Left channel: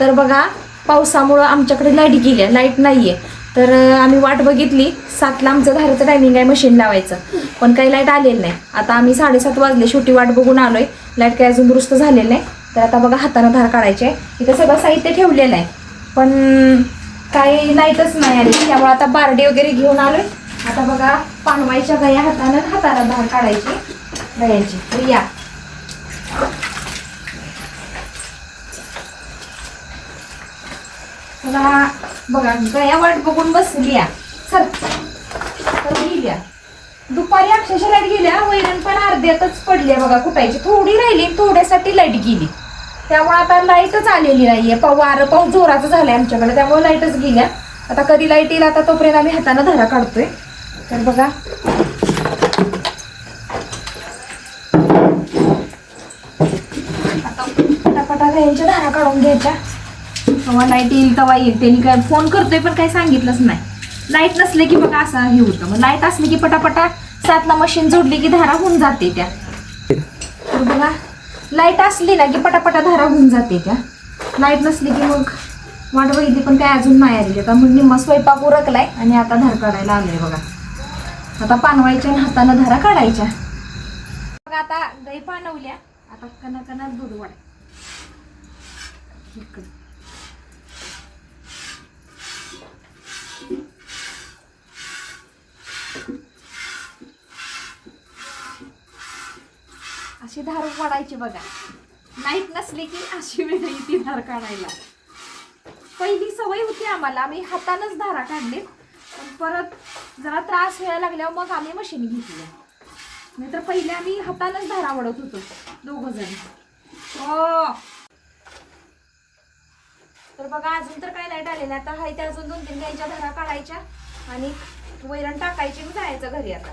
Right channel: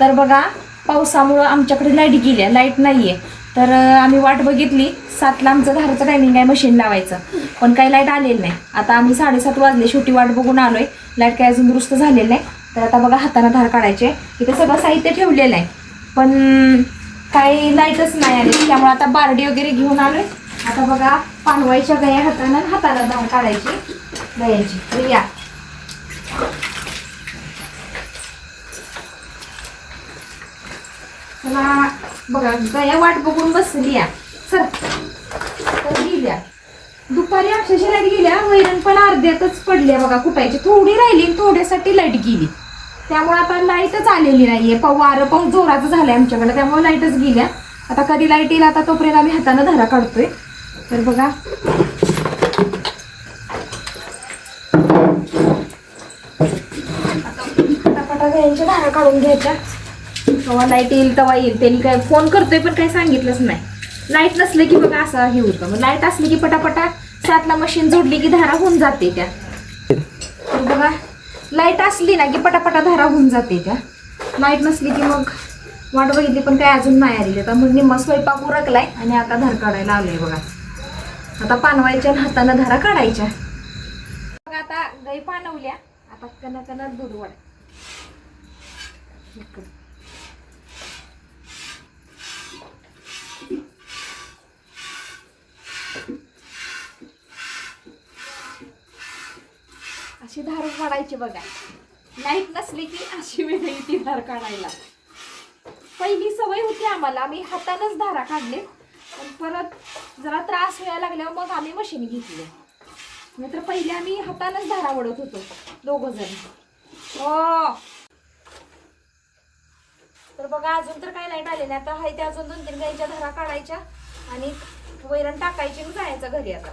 तर बघा पावसामुळं आमच्याकडे लाईट गेली, लाईट नाही आहे. तर आम्ही वाट बघितली, 7ला आमचं धाराचं टायमिंग आहे मशीन लावायचं, पण काही लाईट आलेलं नाही. आता आम्ही 7:30 वाजले, शेवटी वाट बघून आलोय. लाईट काही अजून दुरुस्त झालेलं नाही. तर आता बघा हाताने धार काढायचे आहे. इथं सगळं साहित्य ठेवलेलं आहे, पण काही लाईटच नाही आली. त्यामुळे आता बारडी वगैरे घेऊन आलोय. आता बघा पानवायच्या गया हाताने धार काढायची गयाची. तर या मला बघा गया वाट बघून बसली या सर. तर गेल्या दुपारी अक्षरशः लाईट गेल्या, वैरण पण अर्ध्यातच पडले बघा कुटायची, थोडी राहिली, थोड्यासाठी लाईट गेली. त्यामुळे आता लाईटच आलेली नाहीये. वारं पाऊस जोराचं झालंय आमच्याकडे, त्यामुळे लाईटच गेल्या. आता कधी लाईट येईल आता तोपर्यंत आम्ही हाताने धारा काढतोय. तर बघा आता पटापटा गायांच्या धारा काढून घ्यायच्या. तेव्हा लाईट येईल तेव्हा येईल. त्यांनी काय फोन करतोय पण काय सांगितलंच नाही. लाईट नसले की बघा असं हे होतं. मग लाईट असली की पटापटा 7ला मशीन जोडली की धारा होऊन जाते त्या. तर बघा लाईट असली ना की पटापटा धारा होऊन जाते त्या. लाईट नसली की मग वाट बघितली पण काय अजून नाही आली. आता मग निम्मा स्वयंपाक उरकलाय आणि आता धार काढायला आलोय बघा. आता पानवायच्या हाताने धारा काढायच्या. बघा आता गाई पानवल्या, आता कणा दूध वाढ. अशी धार काढायची बघा. लाईट नसली की अशी वेळ ती धार काढायला. पहिली सवय होती आम्हाला, आम्ही हातानच धारा काढले, पण परत जरा त्रास व्हायला लागल्यावर मग आम्ही मशीन घेतली. नाही तर पहिले आम्ही हातानच धारा वडत होतो दोघं जण. हो तर बघा अजून तर काही लाईट आलेली. आता हाय त्या अजून 2-3 गाईच्या धारा काढायच्या आणि वैरण टाकायची आणि जायचं घरी आता.